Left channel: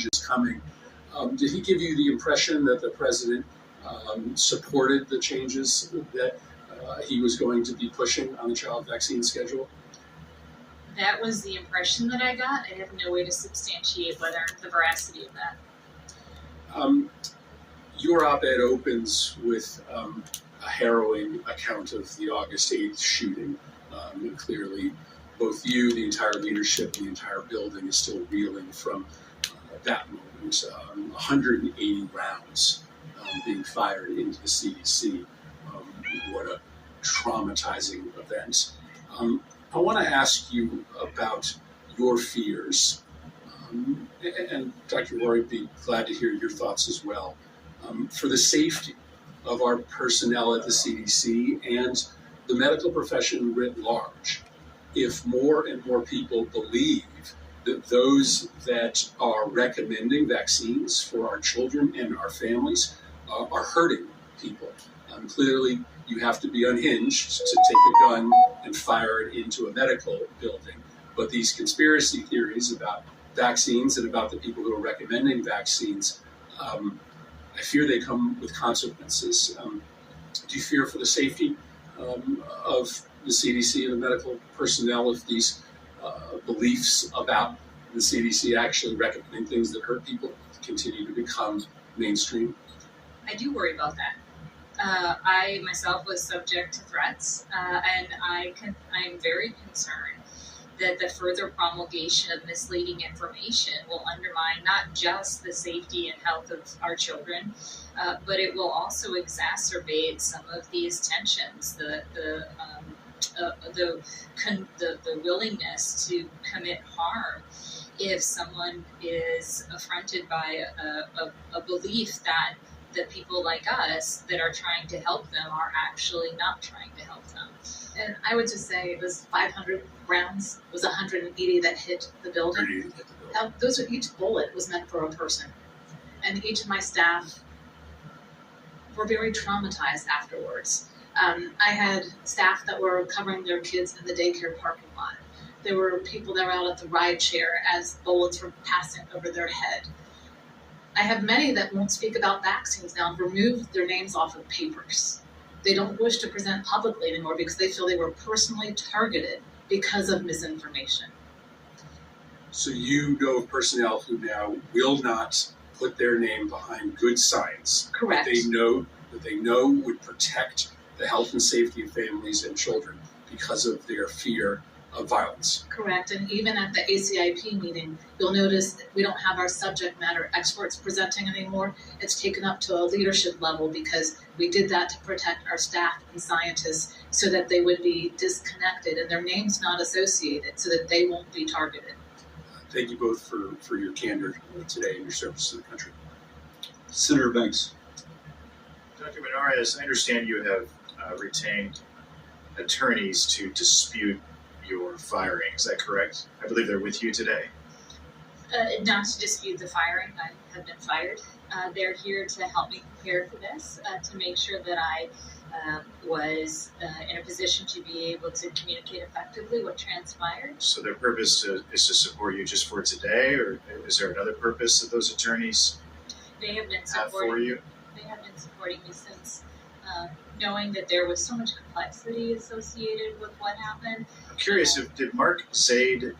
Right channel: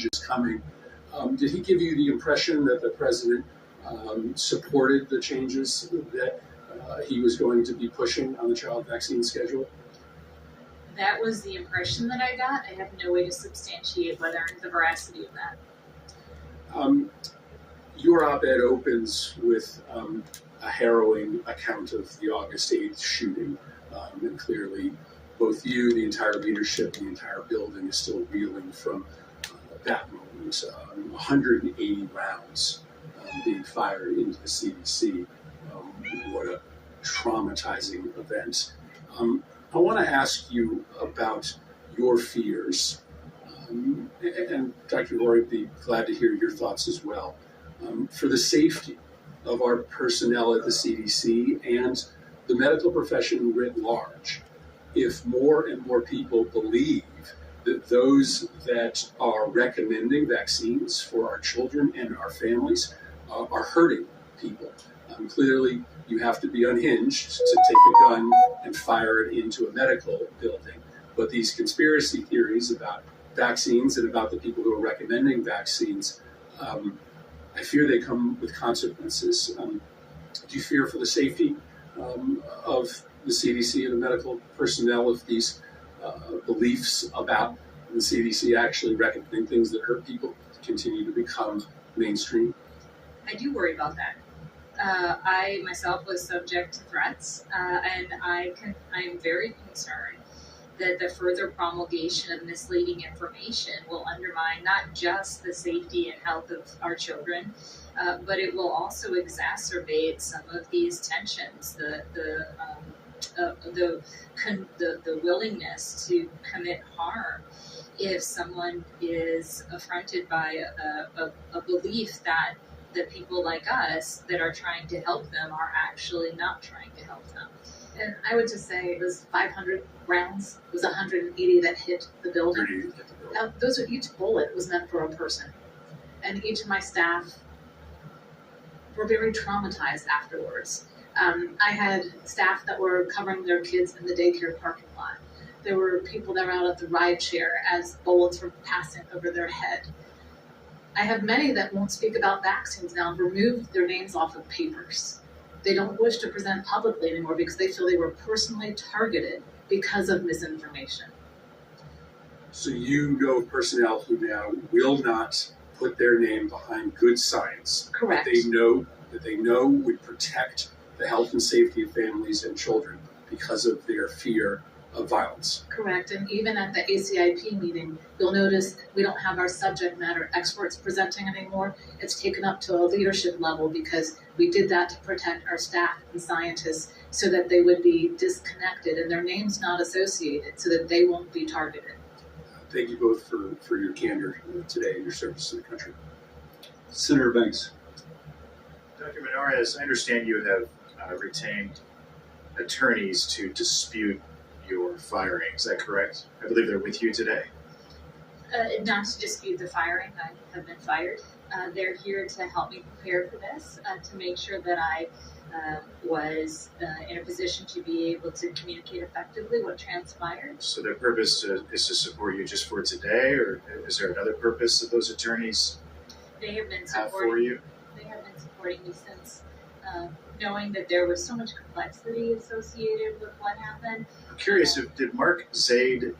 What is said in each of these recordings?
changes coming. Did he give you the impression that the president supported the changes that he was going to be pushing on the child vaccine schedule? That was the impression that I got. I have no way to substantiate whether the veracity of that. Your op-ed opens with a harrowing account of the August 8th shooting. And clearly, both you, the entire leadership, and the entire building is still reeling from that moment. 180 rounds being fired into the CDC. What a traumatizing event. I want to ask you about your fears. And Dr. Roy would be glad to hear your thoughts as well. For the safety of our personnel at the CDC and the medical profession writ large, if more and more people believe that those that are recommending vaccines for our children and our families are hurting people. Clearly, you have to be unhinged to take a gun and fire it into a medical building. But these conspiracy theories about vaccines and about the people who are recommending vaccines, I fear they come with consequences. Do you fear for the safety of the CDC and the medical personnel if these beliefs about the CDC actually recommending things that hurt people continue to become mainstream? I do worry about that. I myself was subject to threats, and I'm very concerned that the further promulgation of misleading information will undermine not just the safety and health of our children, but it will also exacerbate some of these tensions, the willingness to commit harm if someone is affronted by a belief that the people like us that are trying to help them are actually not trying to help them. And I would just say it was 500 rounds. It was 180 that hit the building. Those are, each bullet was meant for a person. And each of my staff were very traumatized afterwards. I had staff that were covering their kids in the daycare parking lot. There were people that were out at the ride share as bullets were passing over their head. I have many that won't speak about vaccines now and removed their names off of papers. They don't wish to present publicly anymore because they feel they were personally targeted because of misinformation. So you know of personnel who now will not put their name behind good science. Correct. That they know would protect the health and safety of families and children because of their fear of violence. Correct, and even at the ACIP meeting, you'll notice we don't have our subject matter experts presenting anymore. It's taken up to a leadership level because we did that to protect our staff and scientists so that they would be disconnected and their names not associated so that they won't be targeted. Thank you both for your candor today and your service to the country. Senator Banks. Dr. Menares, I understand you have retained attorneys to dispute your firing. Is that correct? I believe they're with you today. Not to dispute the firing. I have been fired. They're here to help me prepare for this, to make sure that I was in a position to be able to communicate effectively what transpired. So their purpose is to support you just for today, or is there another purpose that those attorneys They have been have supporting for you? They have been supporting me since knowing that there was so much complexity associated with what happened. I'm curious, did Mark Zaid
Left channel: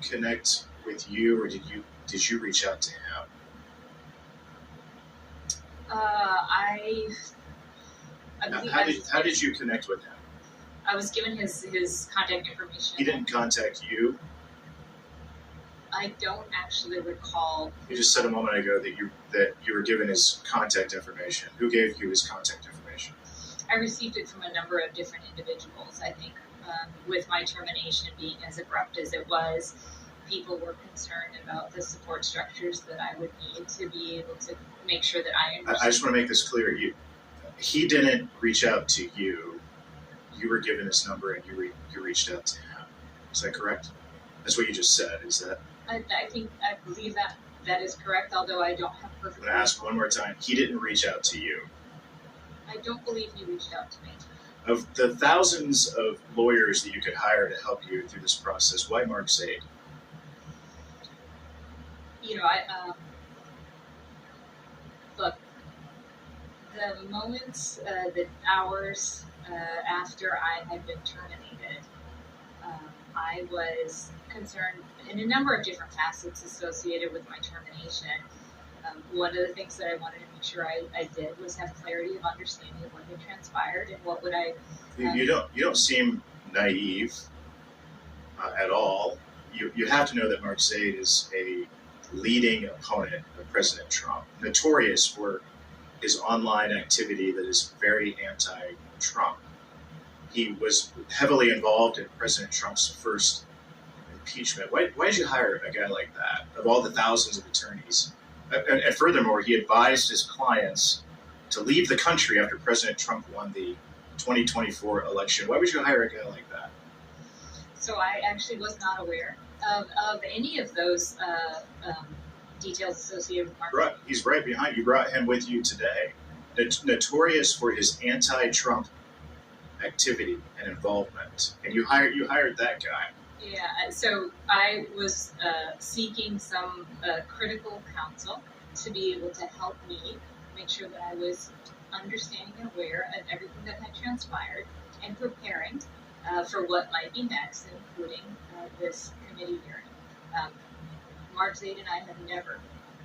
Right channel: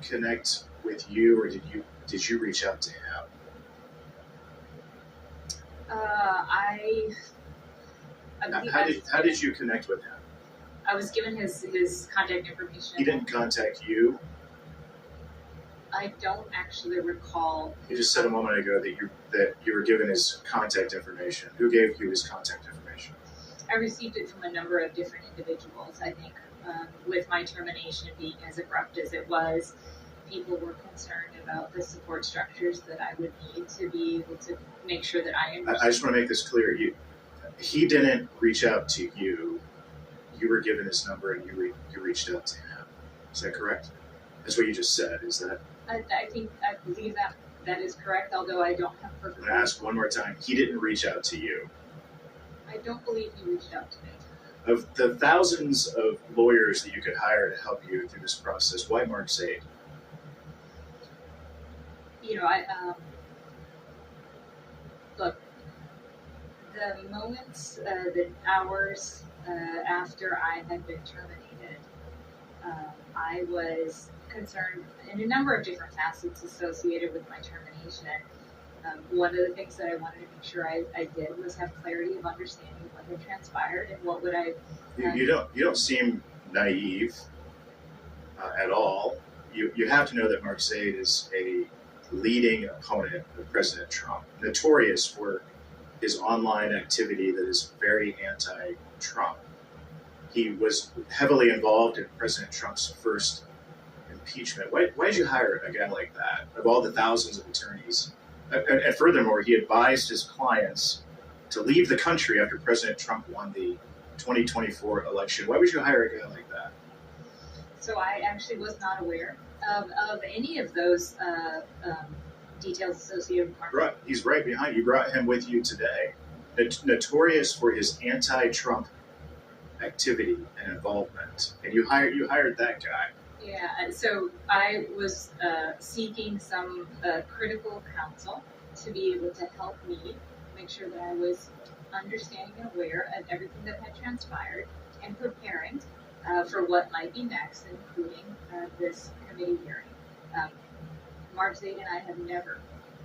connect with you, or did you reach out to him? How did you connect with him? I was given his contact information. He didn't contact you? I don't actually recall. You just said a moment ago that you were given his contact information. Who gave you his contact information? I received it from a number of different individuals. I think with my termination being as abrupt as it was, people were concerned about the support structures that I would need to be able to make sure that I understood. I just want to make this clear. He didn't reach out to you. You were given his number and you reached out to him. Is that correct? That's what you just said. Is that? I believe that is correct, although I don't have perfect. I'm going to ask one more time. He didn't reach out to you. I don't believe he reached out to me. Of the thousands of lawyers that you could hire to help you through this process, why Mark Zaid? Look, the moments, the hours after I had been terminated, I was concerned in a number of different facets associated with my termination. One of the things that I wanted to make sure I did was have clarity of understanding of what had transpired and what would I. You don't seem naive at all. You have to know that Mark Zaid is a leading opponent of President Trump, notorious for his online activity that is very anti-Trump. He was heavily involved in President Trump's first impeachment. Why did you hire a guy like that, of all the thousands of attorneys? And furthermore, he advised his clients to leave the country after President Trump won the 2024 election. Why would you hire a guy like that? So I actually was not aware of any of those details associated with Mark. Right, he's right behind you. You brought him with you today. Notorious for his anti-Trump activity and involvement, and you hired that guy. Yeah, so I was seeking some critical counsel to be able to help me make sure that I was understanding and aware of everything that had transpired and preparing for what might be next, including this committee hearing. Mark Zaid and I have never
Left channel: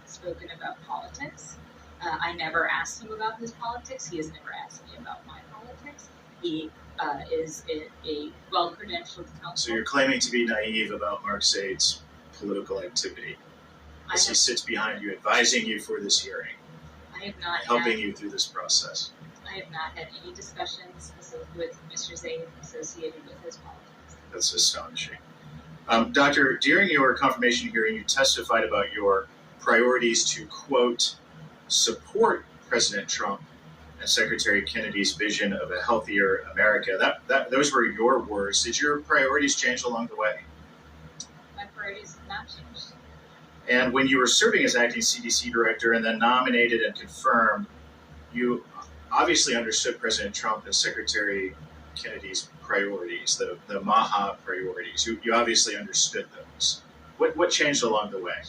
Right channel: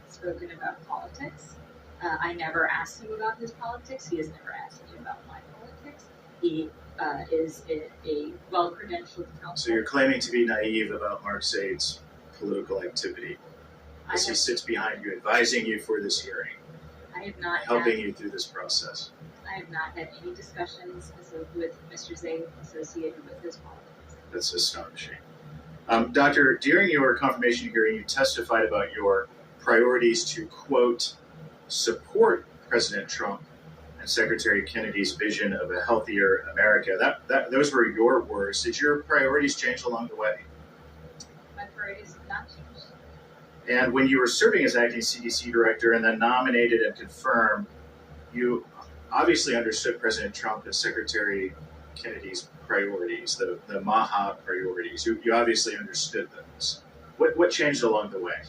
spoken about politics. I never asked him about his politics. He has never asked me about my politics. He is a well-credentialed counsel. So you're claiming to be naive about Mark Zaid's political activity as he sits behind you, advising you for this hearing, I have not helping you through this process. I have not had any discussions with Mr. Zaid associated with his politics. That's astonishing. Doctor, during your confirmation hearing, you testified about your priorities to, quote, support President Trump and Secretary Kennedy's vision of a healthier America. Those were your words. Did your priorities change along the way? My priorities have not changed. And when you were serving as acting CDC director and then nominated and confirmed, you obviously understood President Trump and Secretary Kennedy's priorities, the MAHA priorities. You obviously understood those. What changed along the way?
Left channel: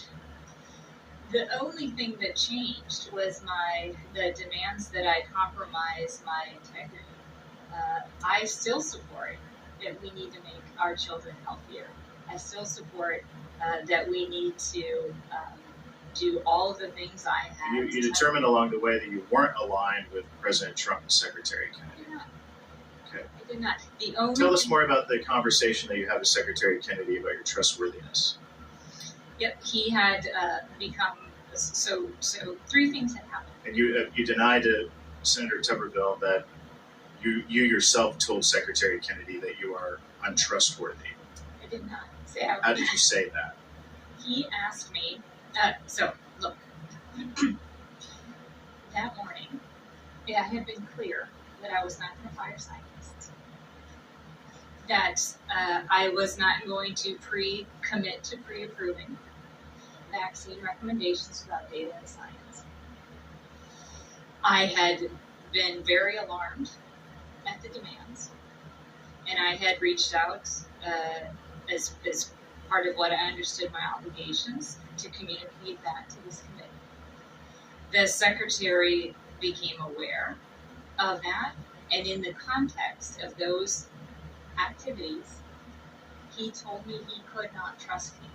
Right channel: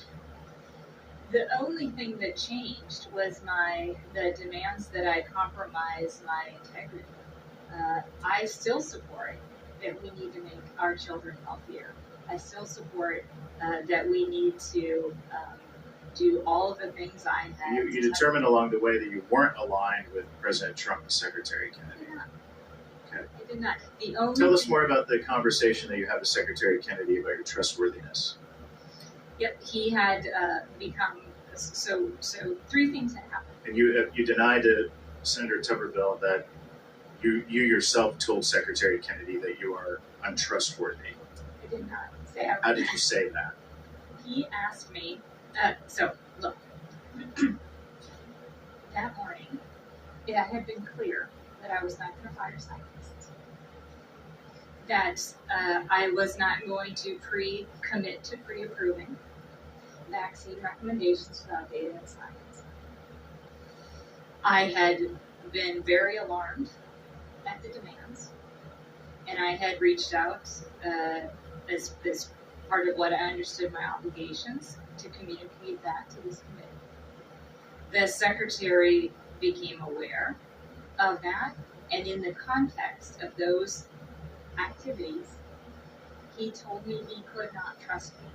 The only thing that changed was the demands that I compromise my integrity. I still support that we need to make our children healthier. I still support that we need to do all of the things I had. You determined along the way that you weren't aligned with President Trump and Secretary Kennedy. I did not. Okay. I did not. The only Tell us more about the conversation that you had with Secretary Kennedy about your trustworthiness. Yep, he had become so. Three things had happened. And you denied to Senator Tuberville that you yourself told Secretary Kennedy that you are untrustworthy. I did not say. How did you say that? He asked me. So look, that morning, I had been clear that I was not going to fire scientists. That I was not going to commit to pre-approving vaccine recommendations without data and science. I had been very alarmed at the demands, and I had reached out as part of what I understood my obligations to communicate that to this committee. The secretary became aware of that, and in the context of those activities, he told me he could not trust me.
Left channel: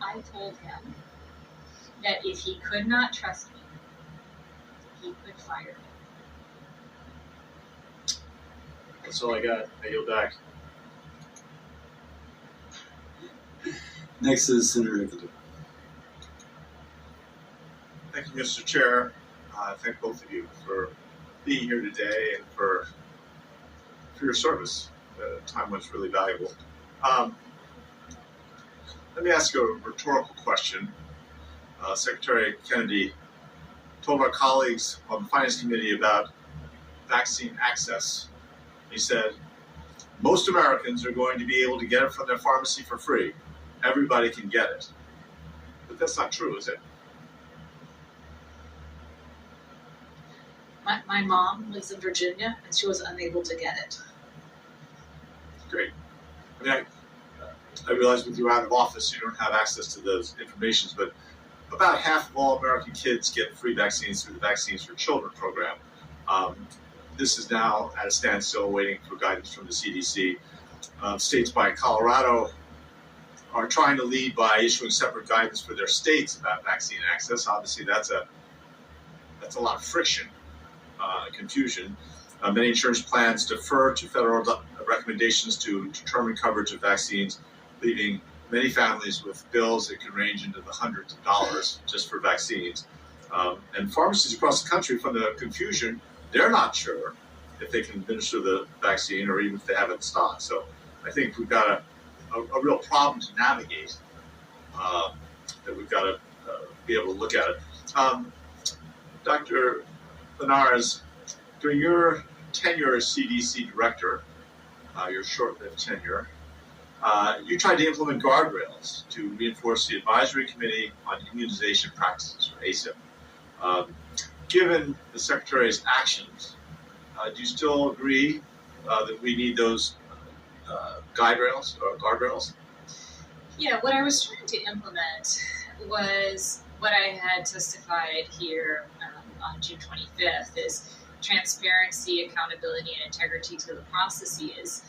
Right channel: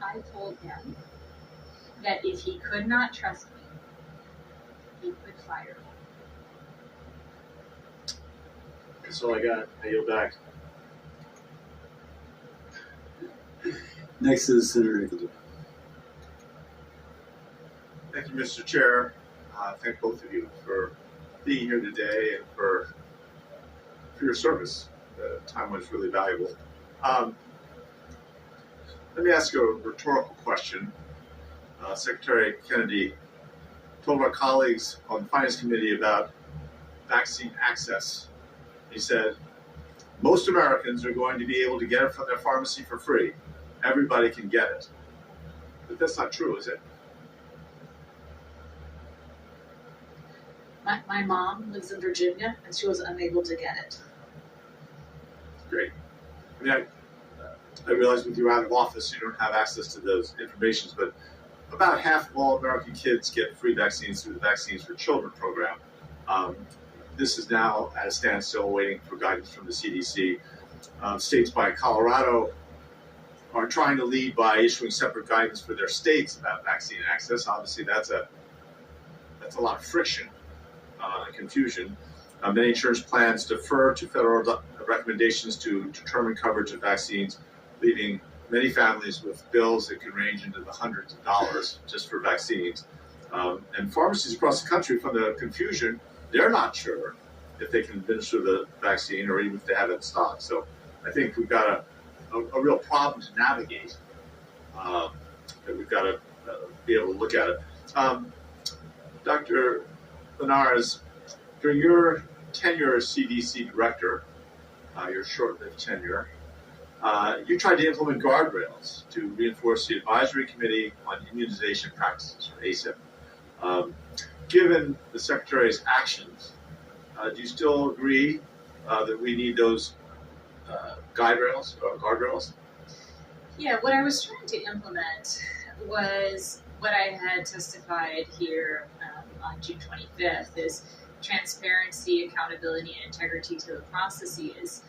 I told him that if he could not trust me, he could fire me. That's all I got. I yield back. Next is Senator Aguilar. Thank you, Mr. Chair. Thank both of you for being here today and for your service. The time was really valuable. Let me ask you a rhetorical question. Secretary Kennedy told our colleagues on the Finance Committee about vaccine access. He said, most Americans are going to be able to get it from their pharmacy for free. Everybody can get it. But that's not true, is it? My mom lives in Virginia, and she was unable to get it. Great. I mean, I realize with you out of office, you don't have access to those informations, but about half of all American kids get free vaccines through the Vaccines for Children program. This is now at a standstill, waiting for guidance from the CDC. States like Colorado are trying to lead by issuing separate guidance for their states about vaccine access. Obviously, that's a lot of friction, confusion. Many insurance plans defer to federal recommendations to determine coverage of vaccines, leaving many families with bills that can range into the hundreds of dollars just for vaccines. And pharmacies across the country, from the confusion, they're not sure if they can administer the vaccine or even if they have it in stock. So I think we've got a real problem to navigate, that we've got to be able to look at it. Dr. Linares, during your tenure as CDC director, your short-lived tenure, you tried to implement guardrails to reinforce the Advisory Committee on Immunization Practices, or ACIP. Given the Secretary's actions, do you still agree that we need those guardrails? Yeah, what I was trying to implement was what I had testified here on June 25th is transparency, accountability, and integrity to the processes.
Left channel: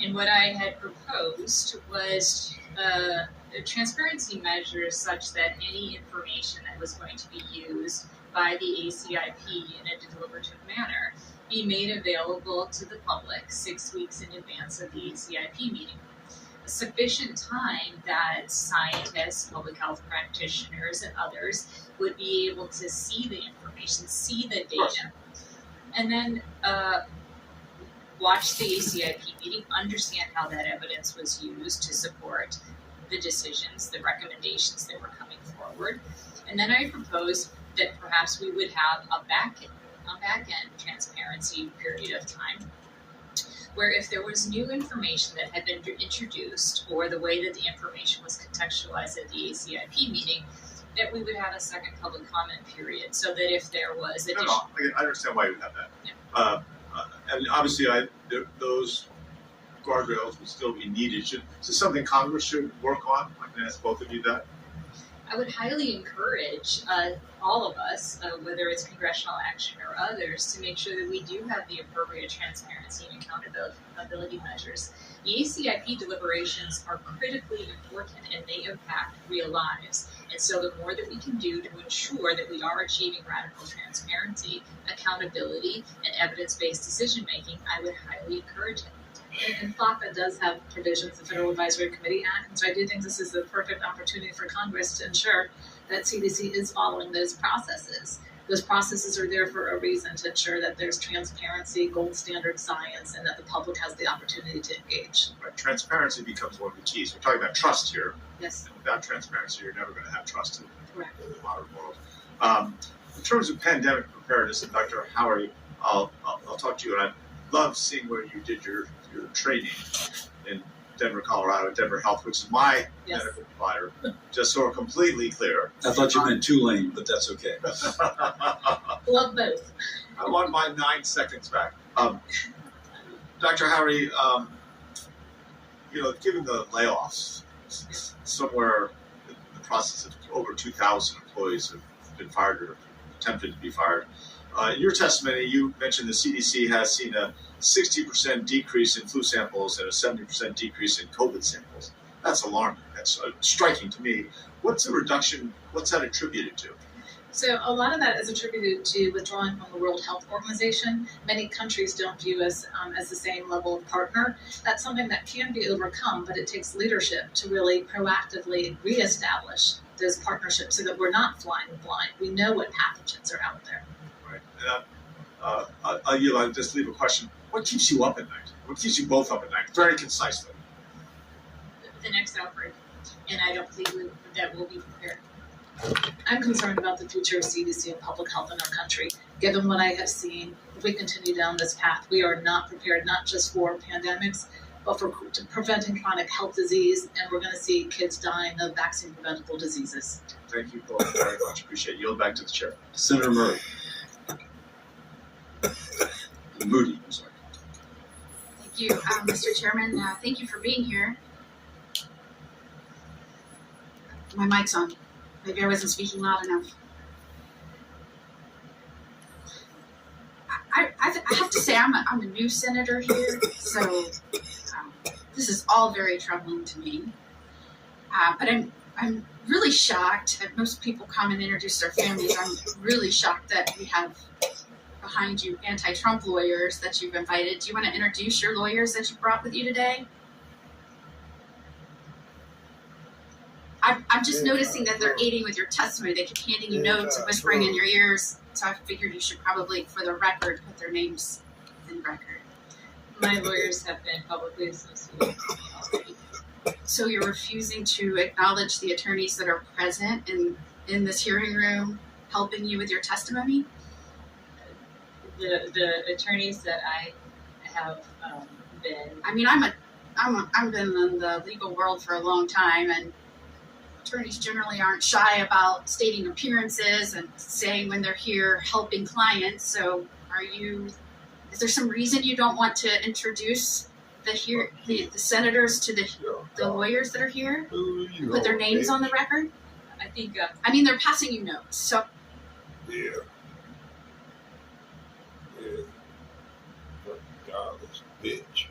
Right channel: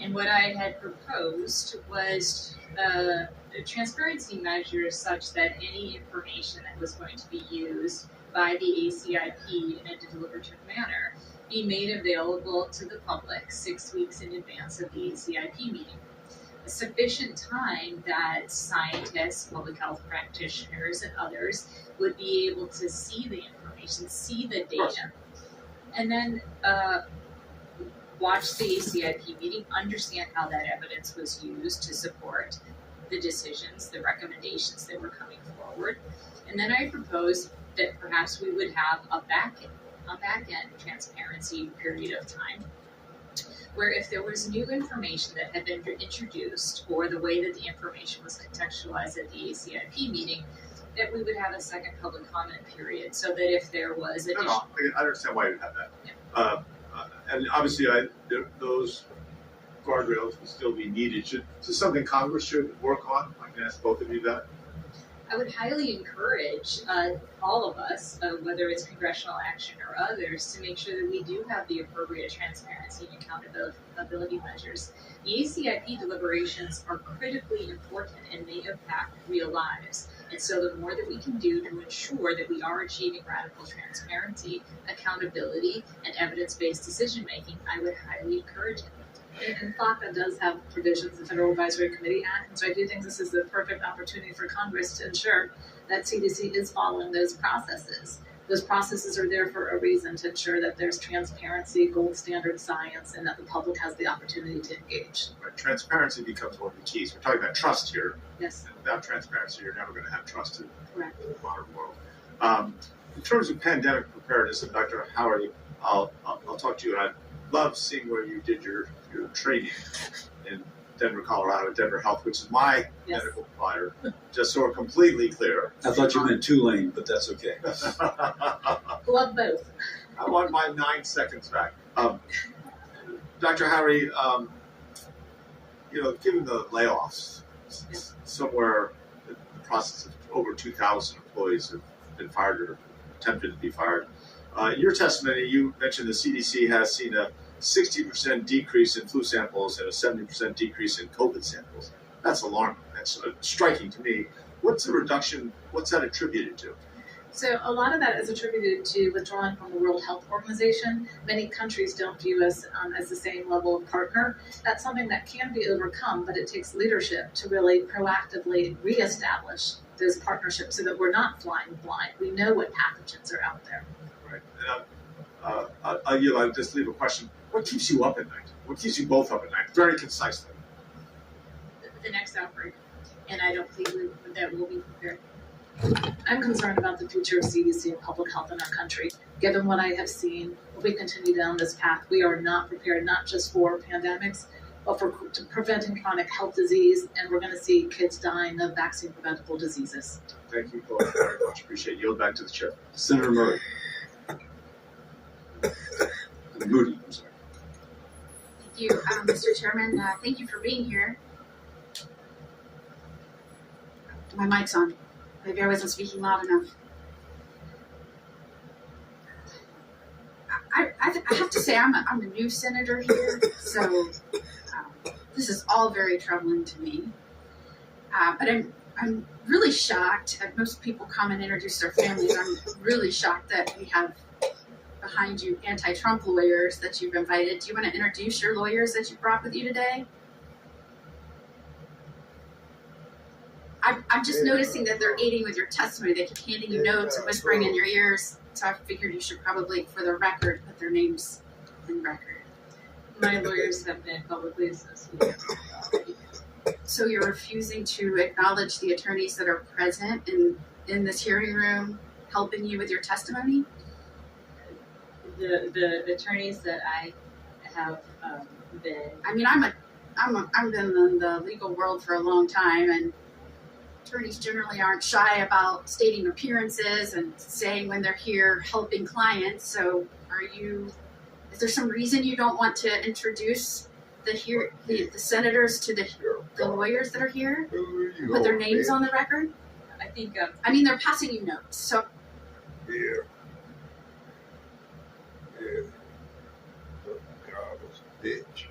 And what I had proposed was a transparency measure such that any information that was going to be used by the ACIP in a deliberative manner be made available to the public 6 weeks in advance of the ACIP meeting. A sufficient time that scientists, public health practitioners, and others would be able to see the information, see the data, and then watch the ACIP meeting, understand how that evidence was used to support the decisions, the recommendations that were coming forward. And then I proposed that perhaps we would have a back-end transparency period of time where if there was new information that had been introduced or the way that the information was contextualized at the ACIP meeting, that we would have a second public comment period so that if there was additional... I understand why you have that. Yeah. And obviously, those guardrails will still be needed. Is this something Congress should work on? I can ask both of you that. I would highly encourage all of us, whether it's congressional action or others, to make sure that we do have the appropriate transparency and accountability measures. The ACIP deliberations are critically important and they impact real lives. And so the more that we can do to ensure that we are achieving radical transparency, accountability, and evidence-based decision-making, I would highly encourage it. And FACA does have provisions, the Federal Advisory Committee Act, and so I do think this is the perfect opportunity for Congress to ensure that CDC is following those processes. Those processes are there for a reason, to ensure that there's transparency, gold standard science, and that the public has the opportunity to engage. Right. Transparency becomes one of the keys. We're talking about trust here. Yes. And without transparency, you're never going to have trust in Correct. the modern world. In terms of pandemic preparedness, and Dr. Howard, I'll talk to you, and I love seeing where you did your training in Denver, Colorado, Denver Health, which is my medical provider, just so we're completely clear. I thought you meant Tulane, but that's okay. Love both. I want my 9 seconds back. Dr. Howard, given the layoffs, somewhere in the process of over 2,000 employees have been fired or attempted to be fired. In your testimony, you mentioned the CDC has seen a 60% decrease in flu samples and a 70% decrease in COVID samples. That's alarming. That's striking to me. What's the reduction? What's that attributed to? So a lot of that is attributed to withdrawing from the World Health Organization. Many countries don't view us as the same level of partner. That's something that can be overcome, but it takes leadership to really proactively reestablish those partnerships so that we're not flying blind. We know what pathogens are out there. Right. I'll just leave a question. What keeps you up at night? What keeps you both up at night? Very concisely. The next outbreak, and I don't think that we'll be prepared. I'm concerned about the future of CDC and public health in our country. Given what I have seen, if we continue down this path, we are not prepared, not just for pandemics, but for preventing chronic health disease, and we're going to see kids dying of vaccine-preventable diseases. Thank you both very much. Appreciate it. Yield back to the chair. Senator Murray. Moody, I'm sorry. Thank you, Mr. Chairman. Thank you for being here. My mic's on. Maybe I wasn't speaking loud enough. I have to say I'm a new senator here, so this is all very troubling to me. But I'm really shocked. Most people come and introduce their families. I'm really shocked that we have behind you anti-Trump lawyers that you've invited. Do you want to introduce your lawyers that you brought with you today? I'm just noticing that they're aiding with your testimony. They keep handing you notes and whispering in your ears. So I figured you should probably, for the record, put their names in record. My lawyers have been publicly associated with me already. So you're refusing to acknowledge the attorneys that are present in this hearing room helping you with your testimony? The attorneys that I have been. I mean, I've been in the legal world for a long time, and attorneys generally aren't shy about stating appearances and saying when they're here helping clients. So is there some reason you don't want to introduce the senators to the lawyers that are here? Put their names on the record? I think. I mean, they're passing you notes, so. Yeah. Godless bitch.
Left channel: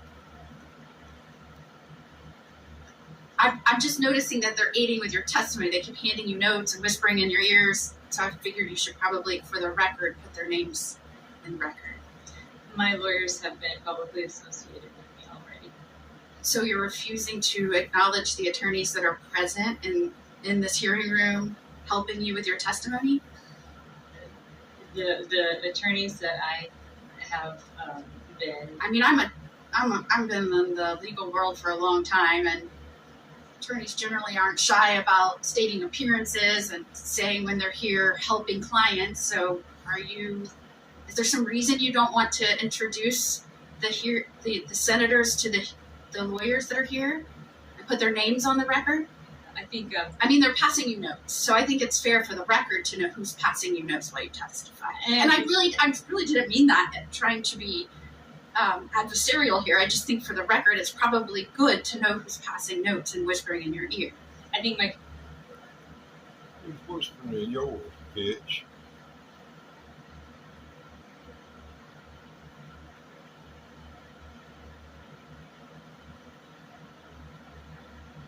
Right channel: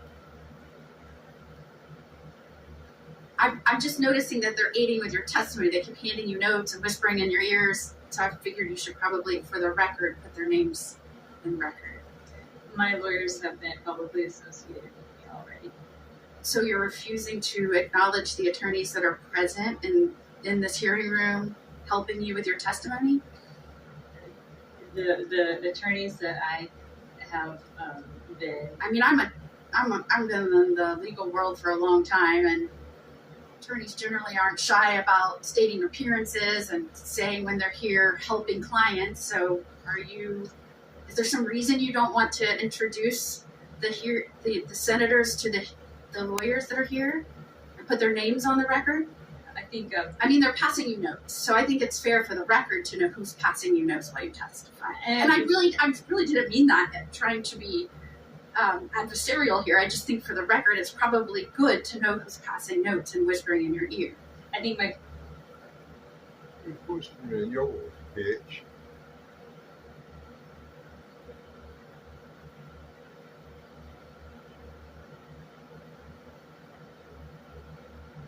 I'm just noticing that they're aiding with your testimony. They keep handing you notes and whispering in your ears. So I figured you should probably, for the record, put their names in record. My lawyers have been publicly associated with me already. So you're refusing to acknowledge the attorneys that are present in this hearing room helping you with your testimony? The attorneys that I have been. I mean, I've been in the legal world for a long time, and attorneys generally aren't shy about stating appearances and saying when they're here helping clients. So is there some reason you don't want to introduce the senators to the lawyers that are here and put their names on the record? I think. I mean, they're passing you notes, so I think it's fair for the record to know who's passing you notes while you testify. And I really didn't mean that trying to be adversarial here. I just think for the record, it's probably good to know who's passing notes and whispering in your ear. I think my. Who's whispering in yours, bitch?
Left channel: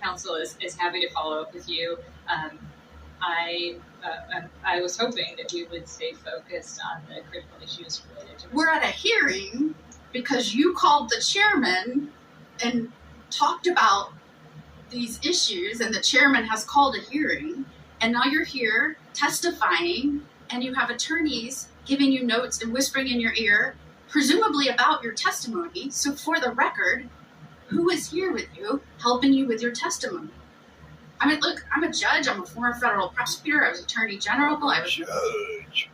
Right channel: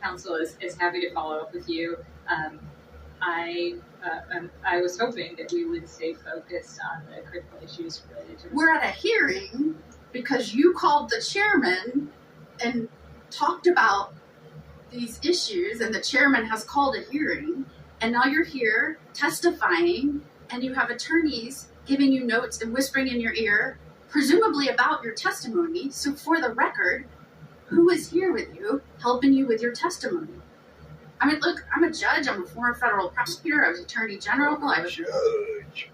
Counsel is happy to follow up with you. I was hoping that we would stay focused on the critical issues related to. We're at a hearing because you called the chairman and talked about these issues, and the chairman has called a hearing, and now you're here testifying, and you have attorneys giving you notes and whispering in your ear, presumably about your testimony. So for the record, who is here with you, helping you with your testimony? I mean, look, I'm a judge. I'm a former federal prosecutor. I was attorney general. Judge.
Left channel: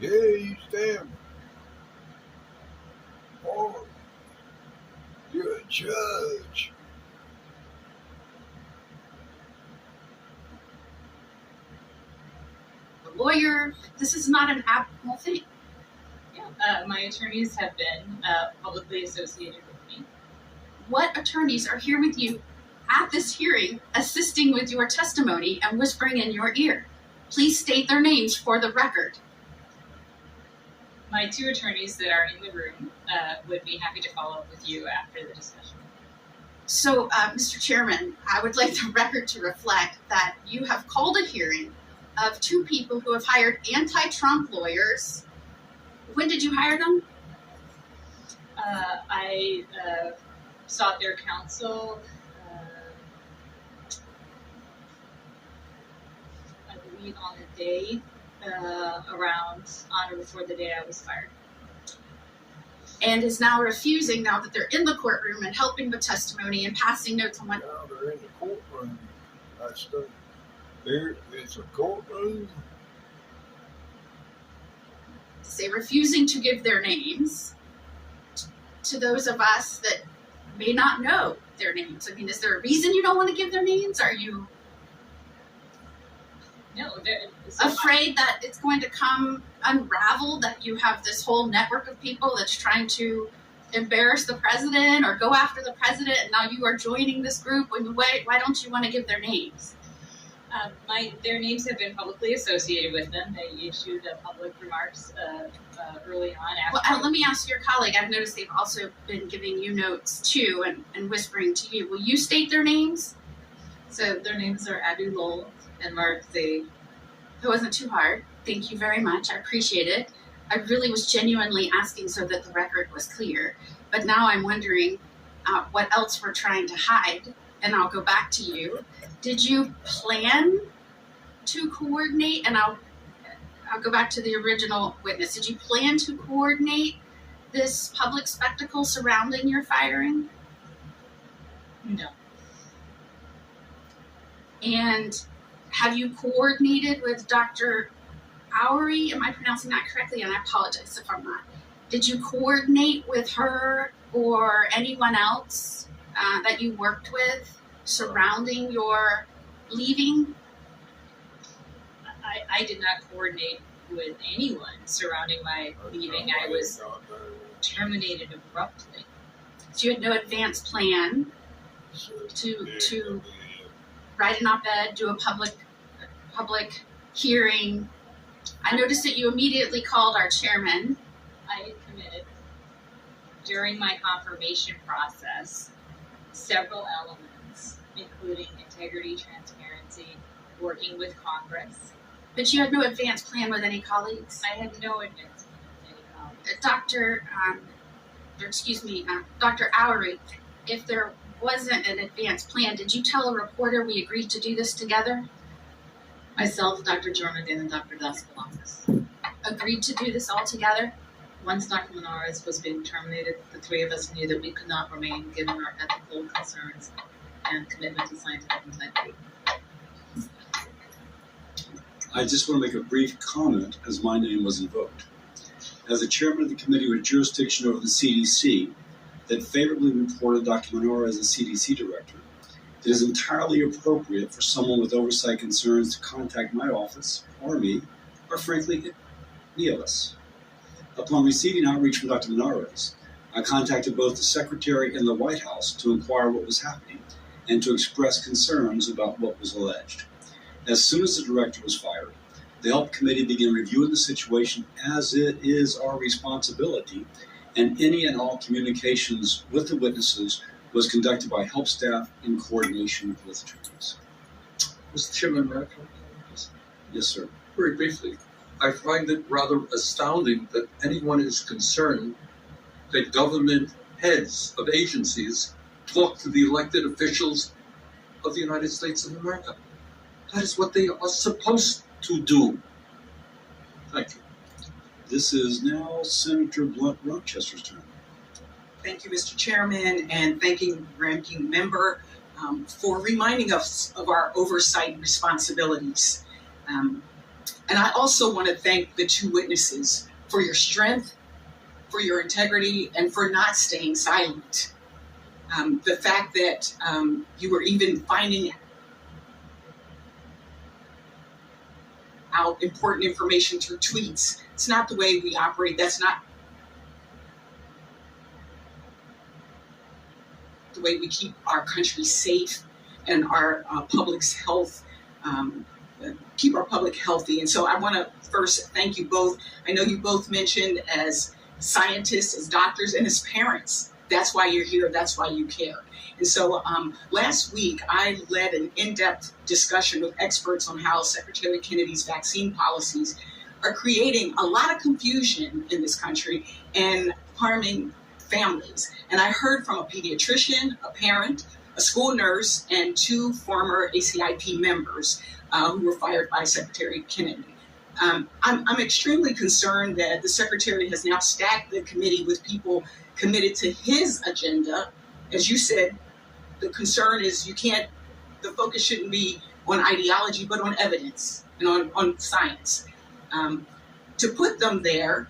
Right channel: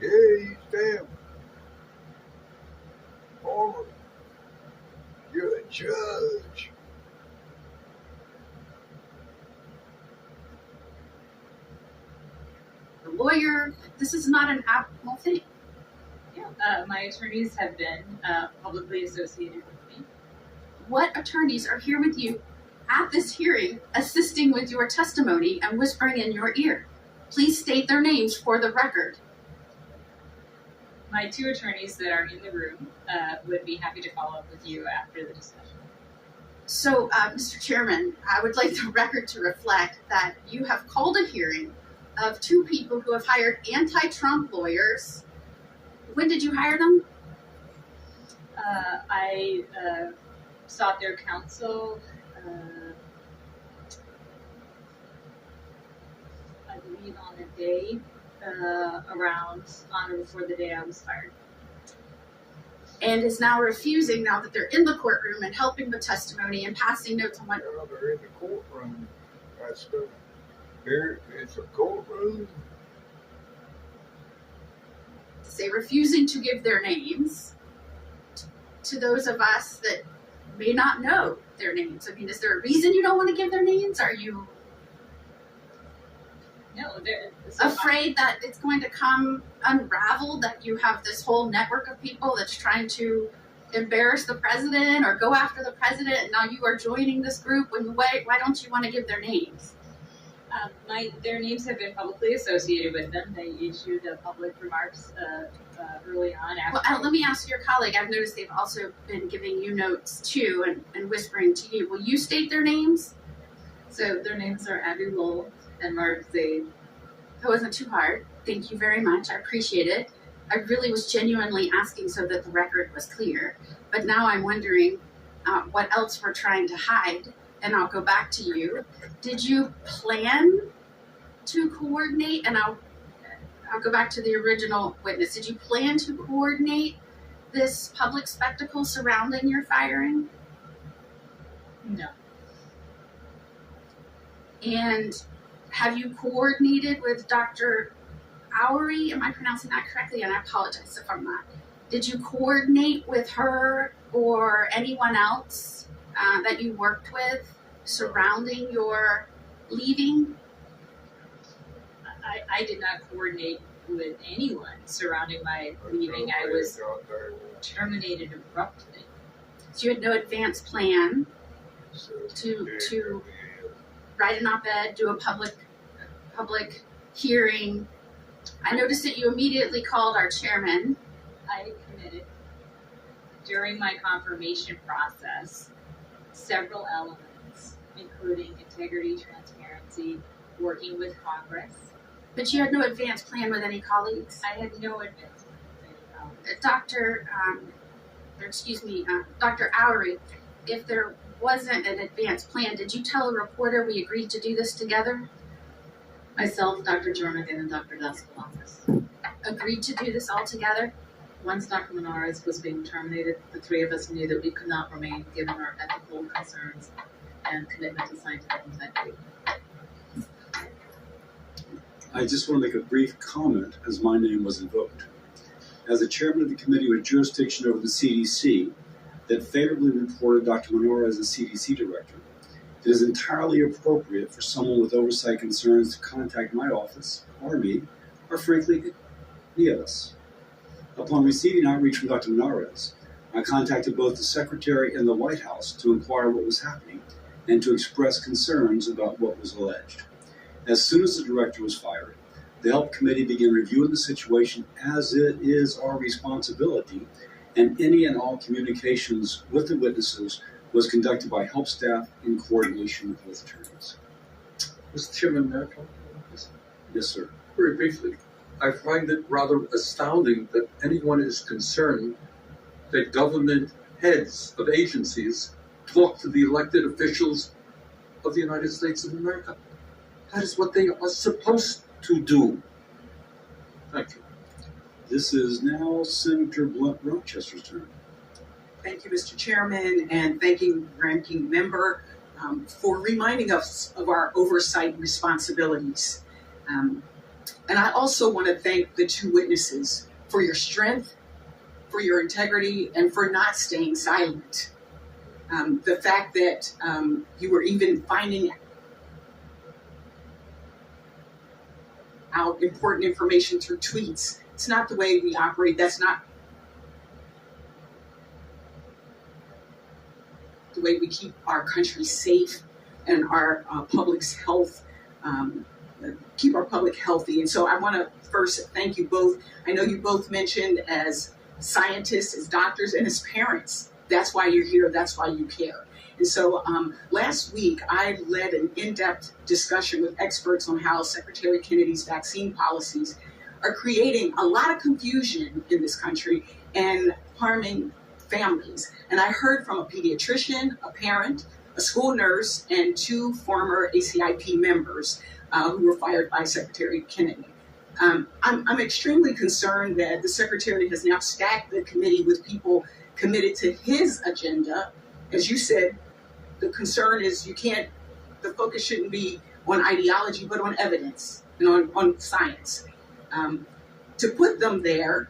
Yeah, you stand forward. You're a judge. The lawyer. This is not an abnormal thing. Yeah, my attorneys have been publicly associated with me. What attorneys are here with you at this hearing, assisting with your testimony and whispering in your ear? Please state their names for the record. My two attorneys that are in the room would be happy to follow up with you after the discussion. So, Mr. Chairman, I would like the record to reflect that you have called a hearing of two people who have hired anti-Trump lawyers. When did you hire them? I sought their counsel, I believe on the day, on or before the day I was fired. And is now refusing, now that they're in the courtroom and helping with testimony and passing notes on what. Now they're in the courtroom. It's a courtroom. Say refusing to give their names to those of us that may not know their names. I mean, is there a reason you don't want to give their names? Are you afraid that it's going to come unraveled, that you have this whole network of people that's trying to embarrass the president or go after the president, and now you are joining this group? I mean, why don't you want to give their names? Their names have been publicly associated with them. They issued public remarks early on. After. Well, let me ask your colleague. I've noticed they've also been giving you notes too and whispering to you. Will you state their names? So their names are Abby Lowell and Mark Zaid. That wasn't too hard. Thank you very much. I appreciate it. I really was genuinely asking so that the record was clear. But now I'm wondering what else we're trying to hide. And I'll go back to you. Did you plan to coordinate? And I'll go back to the original witness. Did you plan to coordinate this public spectacle surrounding your firing? No. And have you coordinated with Dr. Oury? Am I pronouncing that correctly? And I apologize if I'm not. Did you coordinate with her or anyone else that you worked with surrounding your leaving? I did not coordinate with anyone surrounding my leaving. I was terminated abruptly. So you had no advance plan to write an op-ed, do a public hearing. I noticed that you immediately called our chairman. I committed during my confirmation process several elements, including integrity, transparency, working with Congress. But you had no advance plan with any colleagues? I had no advance plan with any colleagues. Dr. Oury, if there wasn't an advance plan, did you tell a reporter we agreed to do this together? Myself, Dr. Jornigan, and Dr. Daskalakis. Agreed to do this all together? Once Dr. Linares was being terminated, the three of us knew that we could not remain given our ethical concerns and commitment to scientific integrity. I just want to make a brief comment as my name was invoked. As the chairman of the committee with jurisdiction over the CDC that favorably reported Dr. Menora as the CDC director, it is entirely appropriate for someone with oversight concerns to contact my office, or me, or frankly, any of us. Upon receiving outreach from Dr. Menarez, I contacted both the Secretary and the White House to inquire what was happening and to express concerns about what was alleged. As soon as the director was fired, the HELP committee began reviewing the situation as it is our responsibility, and any and all communications with the witnesses was conducted by HELP staff in coordination with attorneys. Mr. Chairman, may I comment? Yes, sir. Very briefly, I find it rather astounding that anyone is concerned that government heads of agencies talk to the elected officials of the United States of America. That is what they are supposed to do. Thank you. This is now Senator Blunt Rochester's turn. Thank you, Mr. Chairman, and thanking Ranking Member for reminding us of our oversight responsibilities. And I also want to thank the two witnesses for your strength, for your integrity, and for not staying silent. The fact that you were even finding out important information through tweets. It's not the way we operate. That's not the way we keep our country safe and our public's health, keep our public healthy. And so I want to first thank you both. I know you both mentioned as scientists, as doctors, and as parents. That's why you're here. That's why you care. And so last week, I led an in-depth discussion with experts on how Secretary Kennedy's vaccine policies are creating a lot of confusion in this country and harming families. And I heard from a pediatrician, a parent, a school nurse, and two former ACIP members who were fired by Secretary Kennedy. I'm extremely concerned that the Secretary has now stacked the committee with people committed to his agenda. As you said, the concern is the focus shouldn't be on ideology, but on evidence and on science. To put them there,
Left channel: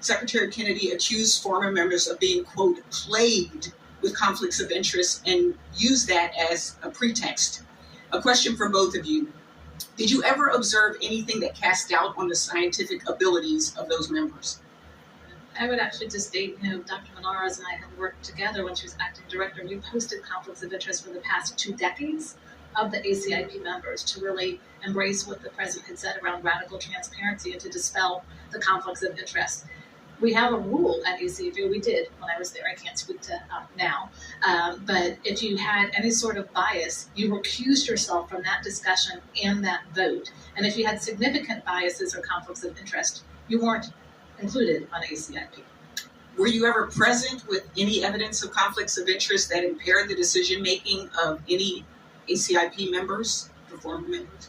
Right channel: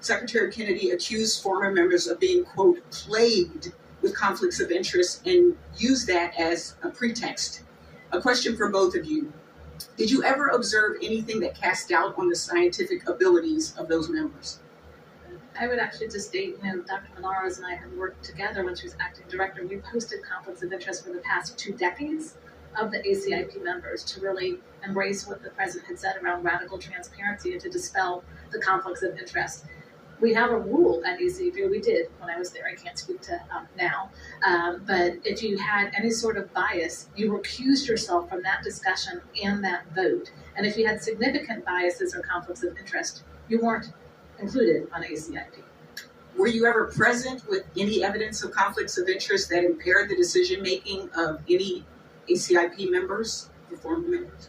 Secretary Kennedy accused former members of being, quote, plagued with conflicts of interest and used that as a pretext. A question for both of you. Did you ever observe anything that cast doubt on the scientific abilities of those members? I would actually just state, Dr. Menarez and I have worked together when she was acting director. We've hosted conflicts of interest for the past 2 decades. of the ACIP members to really embrace what the president had said around radical transparency and to dispel the conflicts of interest. We have a rule at ACIP, we did when I was there, I can't speak to now, but if you had any sort of bias, you recused yourself from that discussion and that vote. And if you had significant biases or conflicts of interest, you weren't included on ACIP. Were you ever present with any evidence of conflicts of interest that impaired the decision-making of any ACIP members, or former members?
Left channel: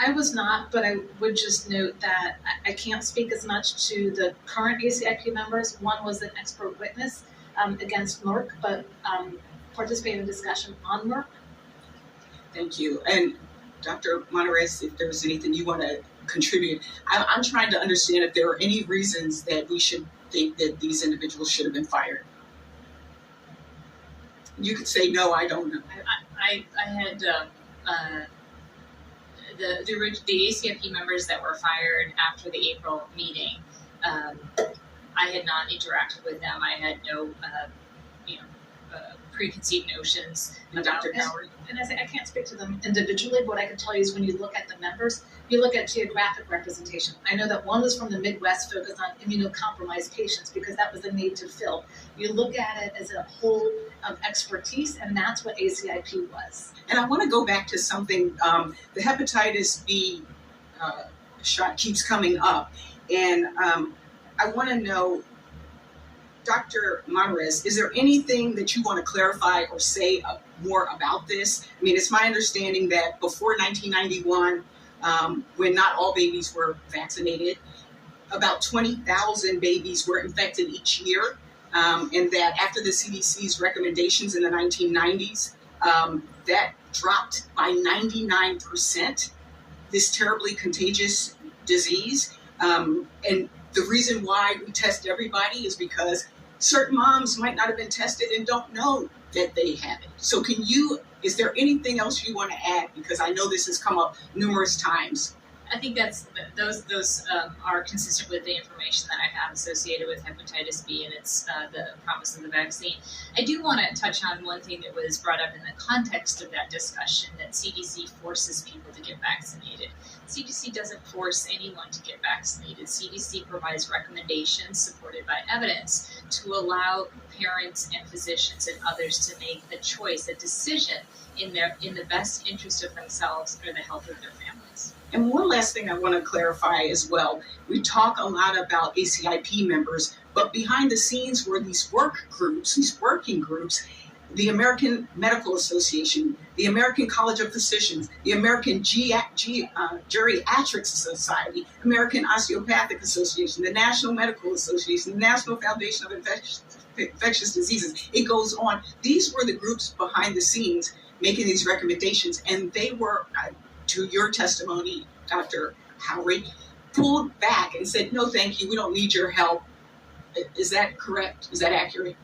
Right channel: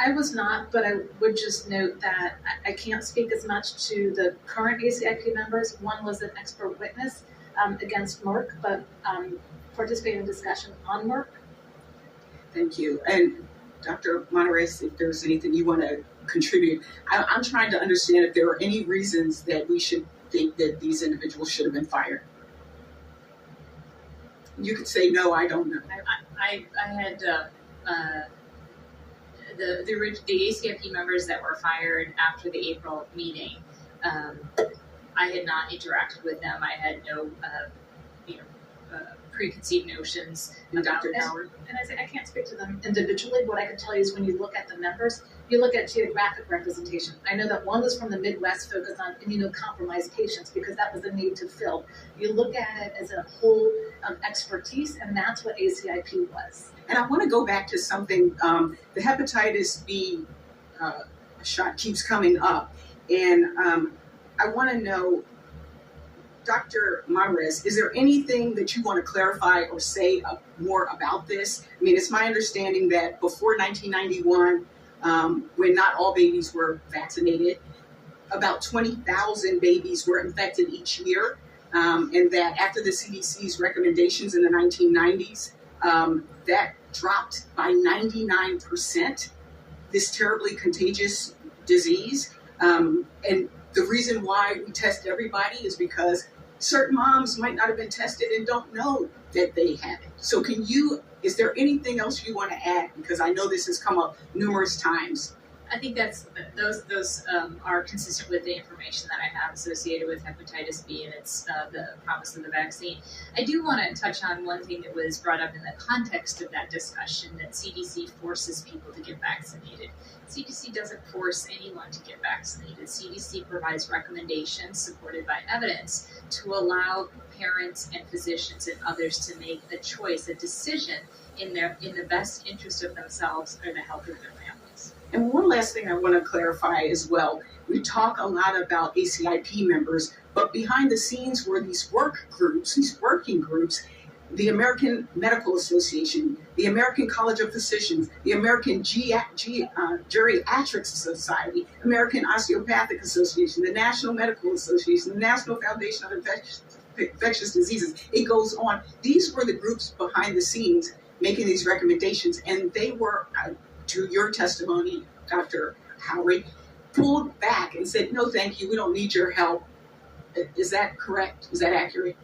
I was not, but I would just note that I can't speak as much to the current ACIP members. One was an expert witness against Merck, but participated in discussion on Merck. Thank you. And Dr. Monarez, if there's anything you want to contribute, I'm trying to understand if there are any reasons that we should think that these individuals should have been fired. You could say no, I don't know. I had the ACIP members that were fired after the April meeting. I had not interacted with them. I had no, preconceived notions And about Dr. them. Howard? And I say I can't speak to them individually, but what I can tell you is when you look at the members, you look at geographic representation. I know that one was from the Midwest, focused on immunocompromised patients because that was a need to fill. You look at it as a whole of expertise, and that's what ACIP was. And I want to go back to something, the hepatitis B shot keeps coming up. And I want to know, Dr. Monarez, is there anything that you want to clarify or say more about this? I mean, it's my understanding that before 1991, when not all babies were vaccinated, about 20,000 babies were infected each year, and that after the CDC's recommendations in the 1990s, that dropped by 99%, this terribly contagious disease. And the reason why we test everybody is because certain moms might not have been tested and don't know that they have it. So is there anything else you want to add? Because I know this has come up numerous times. I think those are consistent with the information that I have associated with hepatitis B and its the promise of the vaccine. I do want to touch on one thing that was brought up in the context of that discussion, that CDC forces people to get vaccinated. CDC doesn't force anyone to get vaccinated. CDC provides recommendations supported by evidence to allow parents and physicians and others to make a choice, a decision in the best interest of themselves or the health of their families. And one last thing I want to clarify as well. We talk a lot about ACIP members, but behind the scenes were these work groups, these working groups, the American Medical Association, the American College of Physicians, the American Geriatrics Society, American Osteopathic Association, the National Medical Association, the National Foundation of Infectious Diseases. It goes on. These were the groups behind the scenes making these recommendations, and they were, to your testimony, Dr. Howard, pulled back and said, no, thank you, we don't need your help. Is that correct? Is that accurate?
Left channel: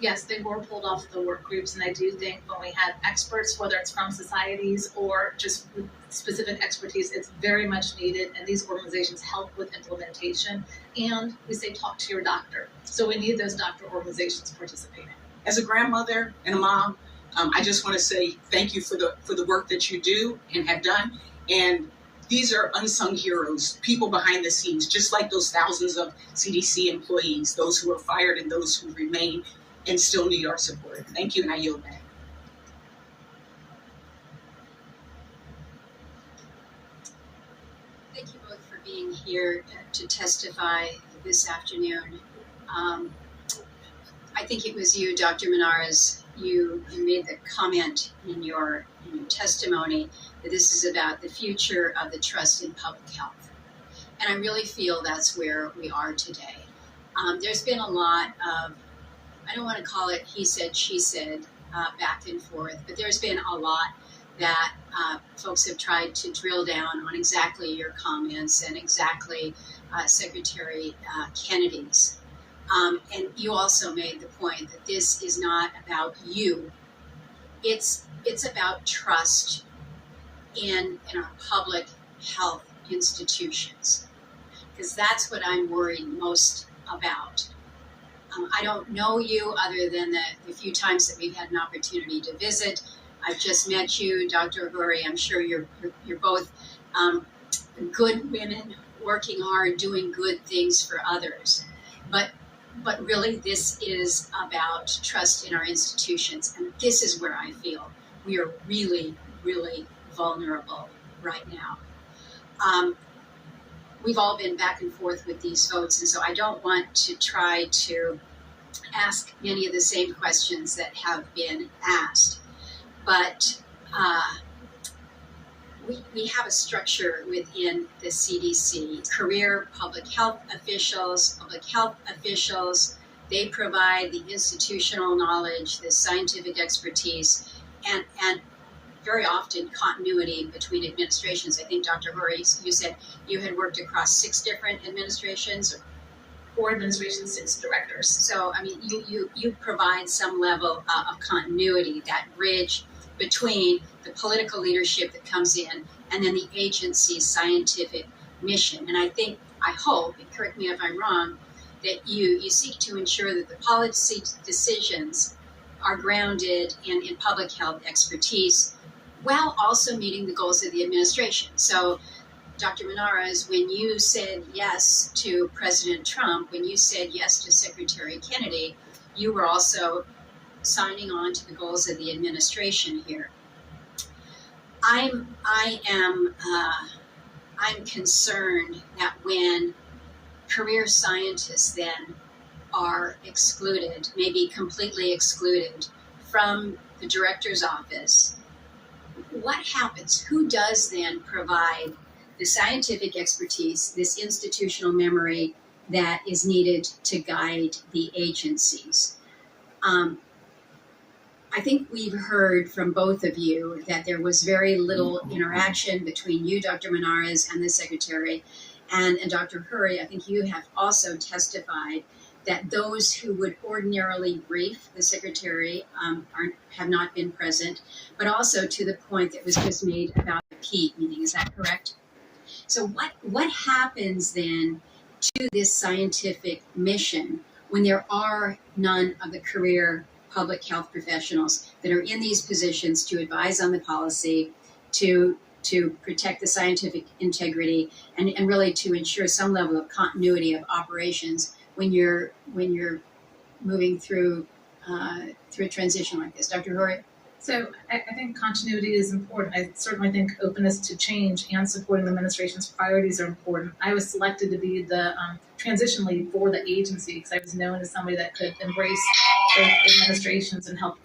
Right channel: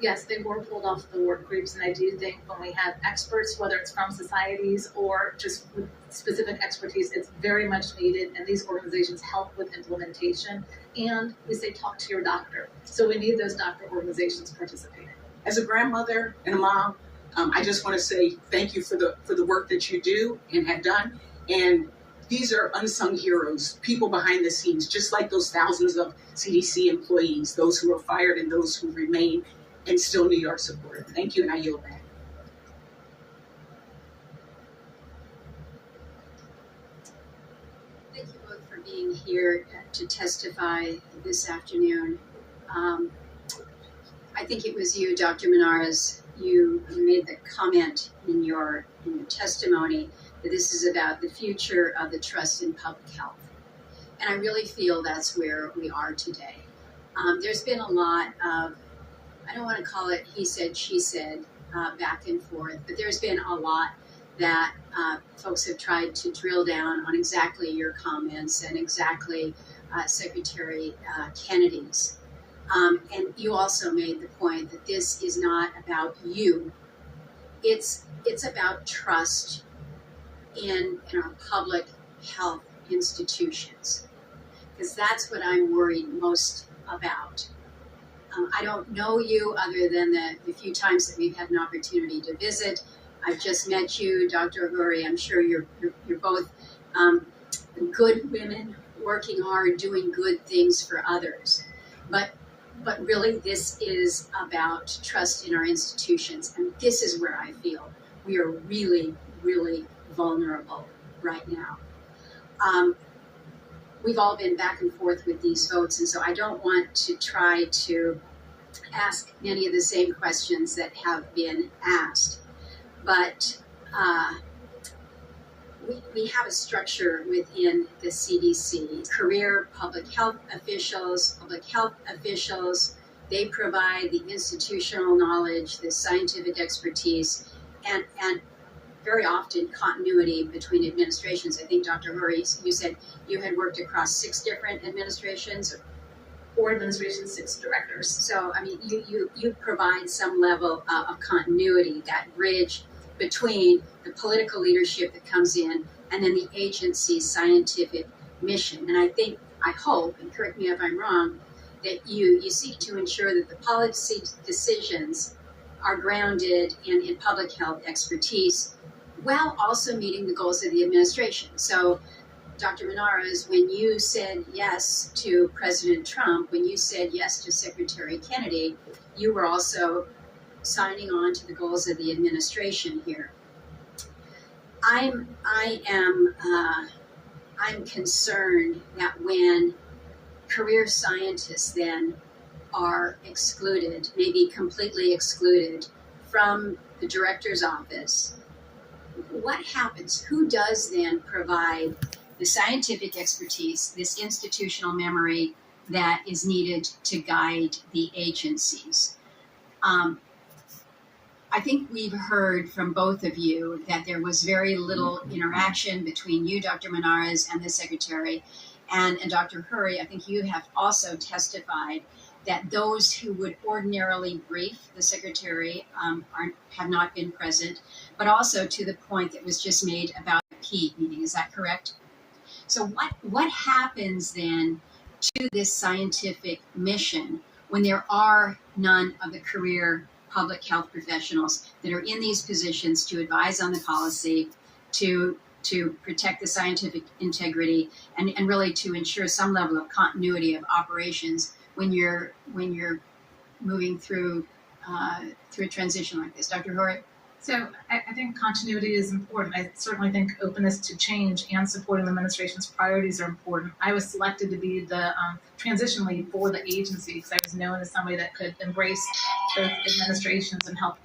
Yes, they were pulled off the work groups, and I do think when we have experts, whether it's from societies or just with specific expertise, it's very much needed, and these organizations help with implementation, and we say talk to your doctor. So we need those doctor organizations participating. As a grandmother and a mom, I just want to say thank you for the work that you do and have done. And these are unsung heroes, people behind the scenes, just like those thousands of CDC employees, those who are fired and those who remain and still need our support. Thank you, and I yield back. Thank you both for being here to testify this afternoon. I think it was you, Dr. Monarez, you made the comment in your testimony that this is about the future of the trust in public health. And I really feel that's where we are today. There's been a lot of, I don't want to call it he said, she said, back and forth, but there's been a lot that folks have tried to drill down on exactly your comments and exactly Secretary Kennedy's. And you also made the point that this is not about you. It's about trust in our public health institutions, because that's what I'm worried most about. I don't know you other than the few times that we've had an opportunity to visit. I've just met you, Dr. Huri. I'm sure you're both good women, working hard, doing good things for others. But really, this is about trust in our institutions, and this is where I feel we are really, really vulnerable right now. We've all been back and forth with these votes, and so I don't want to try to ask many of the same questions that have been asked. But we have a structure within the CDC. Career public health officials, they provide the institutional knowledge, the scientific expertise, and very often continuity between administrations. I think, Dr. Huri, you said you had worked across 6 different administrations. 4 administrations, 6 directors. So, I mean, you provide some level of continuity, that bridge between the political leadership that comes in and then the agency's scientific mission. And I hope, and correct me if I'm wrong, that you seek to ensure that the policy decisions are grounded in public health expertise, while also meeting the goals of the administration. So, Dr. Menarez, when you said yes to President Trump, when you said yes to Secretary Kennedy, you were also signing on to the goals of the administration here. I'm concerned that when career scientists then are excluded, maybe completely excluded from the director's office, what happens? Who does then provide the scientific expertise, this institutional memory that is needed to guide the agencies? I think we've heard from both of you that there was very little interaction between you, Dr. Menarez, and the Secretary. And Dr. Huri, I think you have also testified that those who would ordinarily brief the Secretary have not been present, but also to the point that was just made about the PEAT meeting. Is that correct? So what happens then to this scientific mission when there are none of the career public health professionals that are in these positions to advise on the policy, to protect the scientific integrity, and really to ensure some level of continuity of operations when you're moving through a transition like this? Dr. Huri? So I think continuity is important. I certainly think openness to change and supporting the administration's priorities are important. I was selected to be the transition lead for the agency because I was known as somebody that could embrace both administrations and help